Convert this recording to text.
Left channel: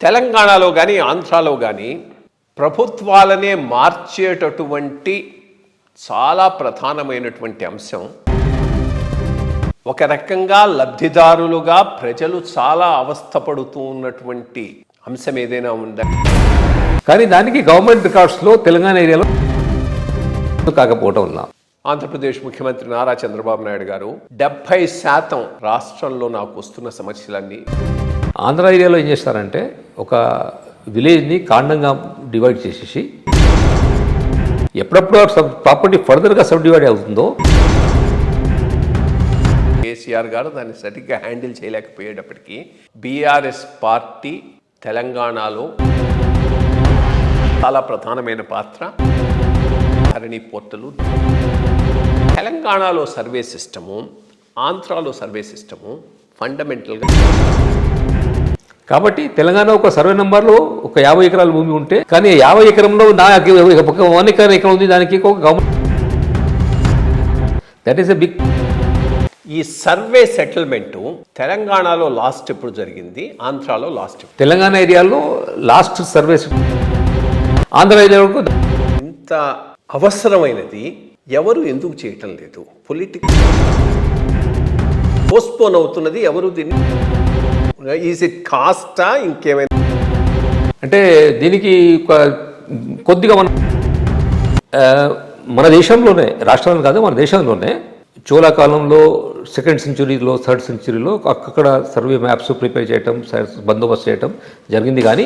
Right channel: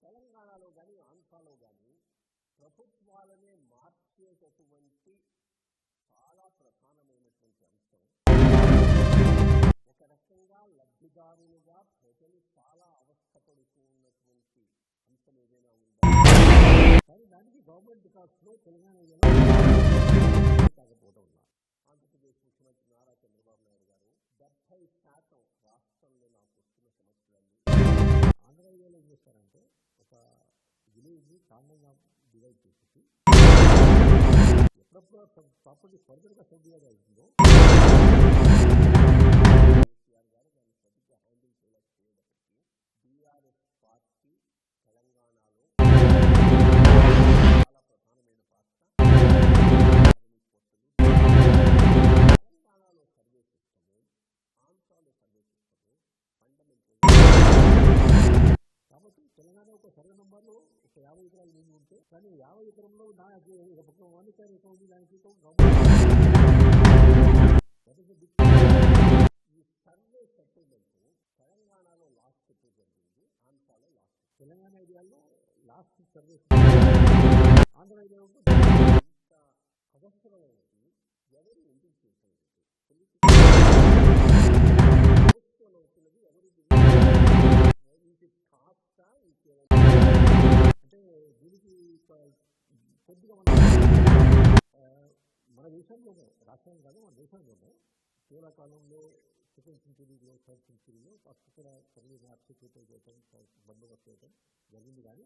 తెలంగాణలో కానీ ఆంధ్రాలో కానీ ప్రభుత్వాలనే మార్చేటటువంటి చాలా ప్రధానమైనటువంటి అంశం, ఒక రకంగా లబ్ధిదారులుగా ప్రజలు చాలా అవస్థపడుతూ ఉన్నటువంటి అంశం ఏదైనా ఉందా? కానీ దానికి గవర్నమెంట్ రికార్డ్స్లో తెలంగాణ ఏరియాలో కాకపోవటం వల్ల ఆంధ్రప్రదేశ్ ముఖ్యమంత్రి నారా చంద్రబాబు నాయుడు గారు 70% రాష్ట్రంలో నాకు వస్తున్న సమస్యలన్నీ ఆంధ్ర ఏరియాలో ఏం చేస్తారంటే ఒక విలేజ్ని కాండంగా డివైడ్ చేసేసి ఎప్పుడప్పుడు ప్రాపర్టీ ఫర్దర్గా సబ్ డివైడ్ అవుతుందో కేసీఆర్ గారు దాన్ని సరిగ్గా హ్యాండిల్ చేయలేకపోయేటప్పటికీ బీఆర్ఎస్ పార్టీ తెలంగాణలో చాలా ప్రధానమైన పాత్ర, ధరణి పోర్టలు. తెలంగాణలో సర్వే సిస్టము, ఆంధ్రాలో సర్వే సిస్టము ఫండమెంటల్గా. కాబట్టి తెలంగాణ ఒక సర్వే నెంబర్లో ఒక 50 ఎకరాల భూమి ఉంటే, కానీ 50 ఎకరంలో నాకు 1 ఎకరం ఉంది, దానికి ఒక government. That is a big. ఈ సర్వే సెటిల్మెంటు తెలంగాణలో లాస్ట్ ఎప్పుడు జరిగింది, ఆంధ్రాలో లాస్ట్. తెలంగాణ ఏరియాలో లాస్ట్ సర్వే, ఆంధ్ర ఏరియాలో ఇంత అవసరమైనది ఎవరు ఎందుకు చేయటం లేదు? పొలిటికల్ పోస్ట్పోన్ అవుతున్నది. ఎవరు దీన్ని, ఈజ్ ఇట్ కాస్టా ఇంకేమైనా? అంటే దీనికి కొద్దిగా మన దేశంలోనే, రాష్ట్రంలో కాదు మన దేశంలోనే చోళా కాలంలో 2nd సెంచురీలో 3rd సెంచురీలో అక్కడ సర్వే మ్యాప్స్ ప్రిపేర్ చేయటం, బందోబస్తు చేయటం జరిగింది. కానీ